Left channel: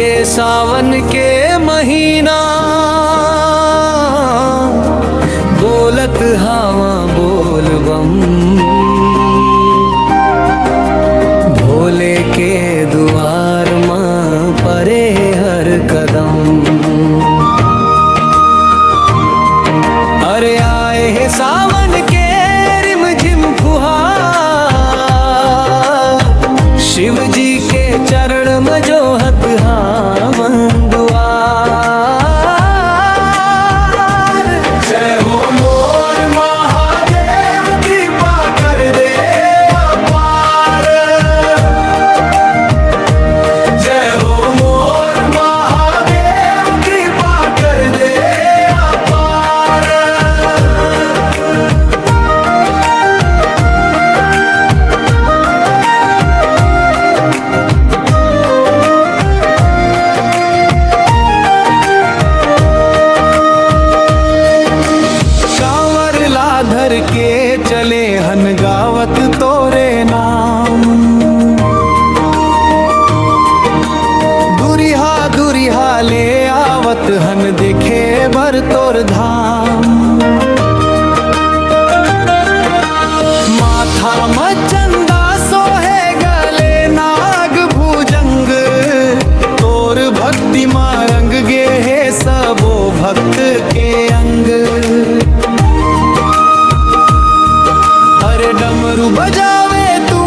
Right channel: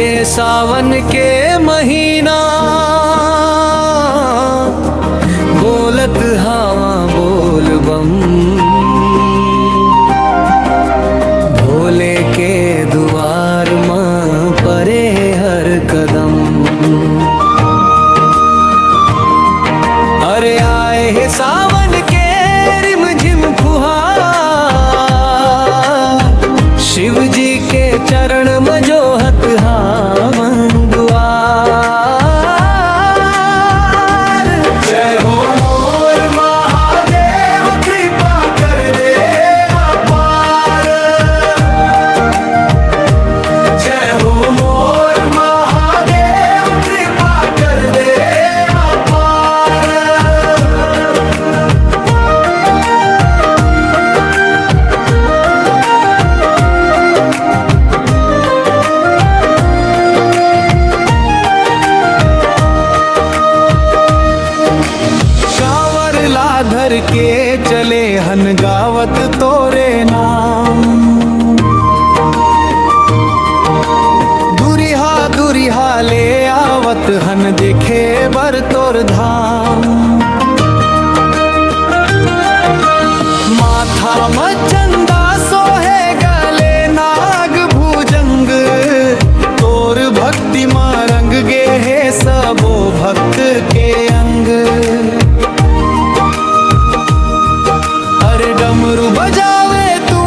लागे सावन के महीना, बोलत हवा बोल बम। भोले के दुआर मां परे हर कदम। अरे आए है सावन के रिमझिम फुहार, शिव जी के चरण मजोहत हावन दुआर। जय हो मोर महादेव कृपा कर दे अपार। जय हो मोर महादेव कृपा कर दे अपार। धर के चले हन गावत तोरे नाम। दुरिहा दुरिहा ले आवत हन देखे बर तोर धाम। माथा मचंदा सोहे गले नाग भुजंग। तोर भक्ति मां रंग गे है सबो भक्त के अंग। अरे डमरू बजावे तू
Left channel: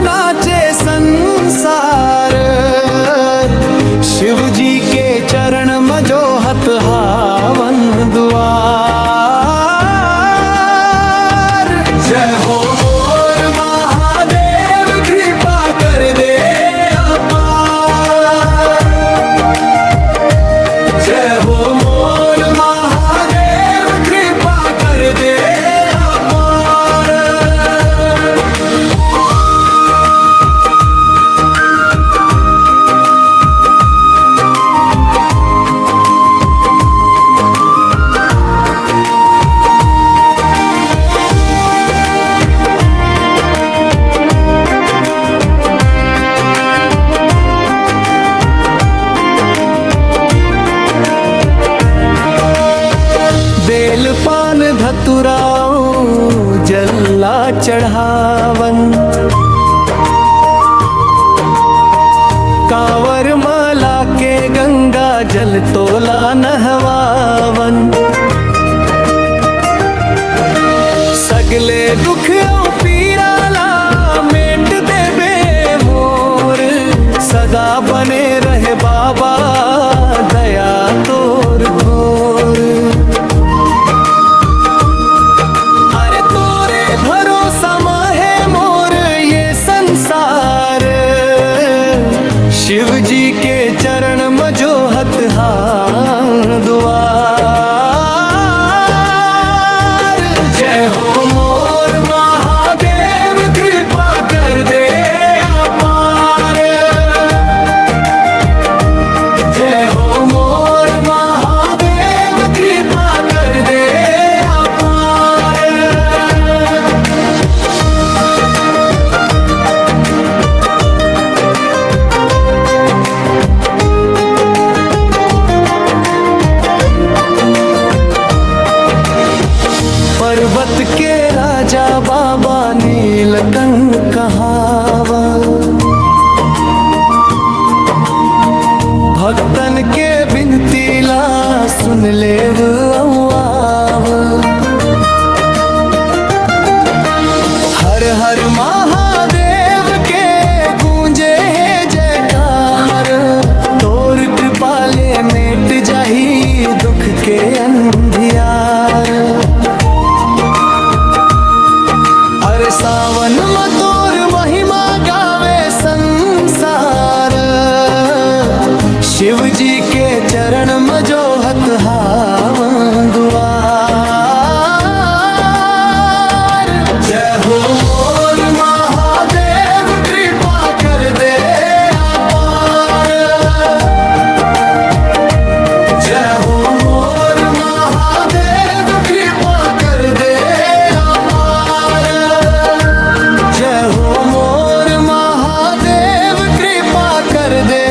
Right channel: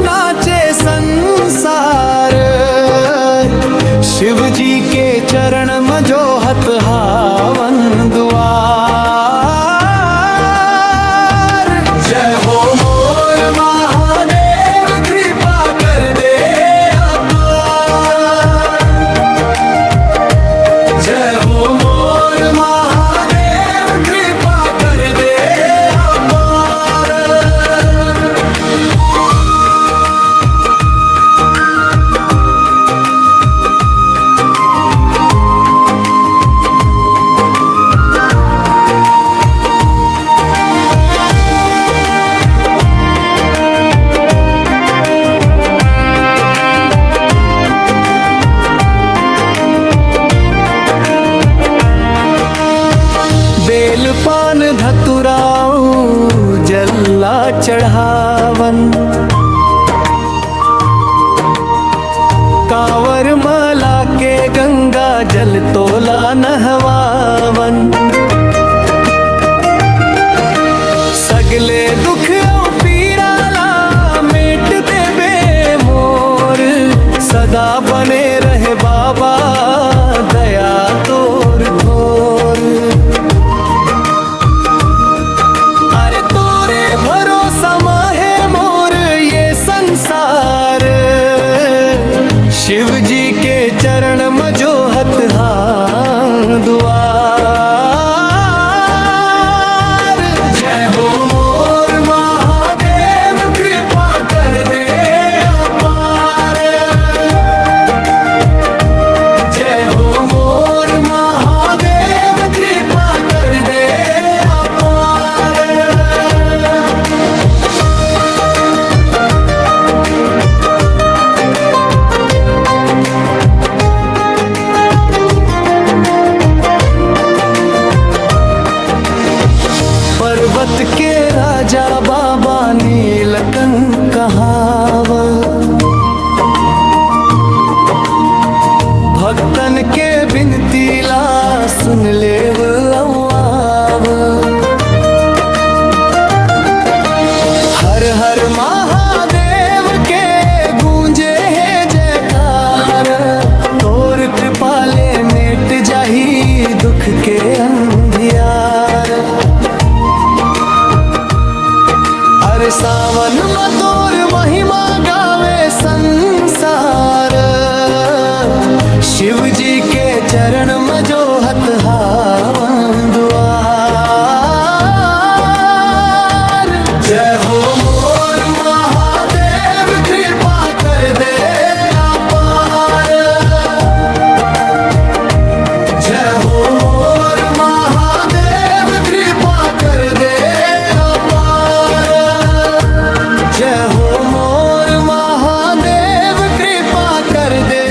नाचे संसार। शिव जी के चरण मजोहत हावन दुआर। जय हो मोर महादेव कृपा कर दे अपार। जय हो मोर महादेव कृपा कर दे। बेल पान धतुराऊ जल्ला चढ़ावन। कांवर माला के गंगा जल तोला नहवावन। सगले दुख पीराला मेट देबे मोर। सदा बने रहे बाबा दया तोर थोर। भरोसा माहे मोर ये संसार। शिव जी के चरण मजोहत हां दुआर। जय हो मोर महादेव कृपा कर दे अपार। जय हो मोर महादेव कृपा कर दे अपार। पर्वत के राजा बाबा नीलकंठ कहावा। भक्तन के बिनती ला सुन लेव अव्वाव। हर हर महादेव के गूंजे है जयकार। तोर कृपा ले मेट जाही दुख के अंधियार। अरे सावन में तोर महिमा गावे संसार। शिव जी के चरण मजोहत हावन दुआर। जय हो मोर महादेव कृपा कर दे अपार। जय हो मोर महादेव कृपा कर दे अपार। जय हो मोर महादेव कृपा कर दे।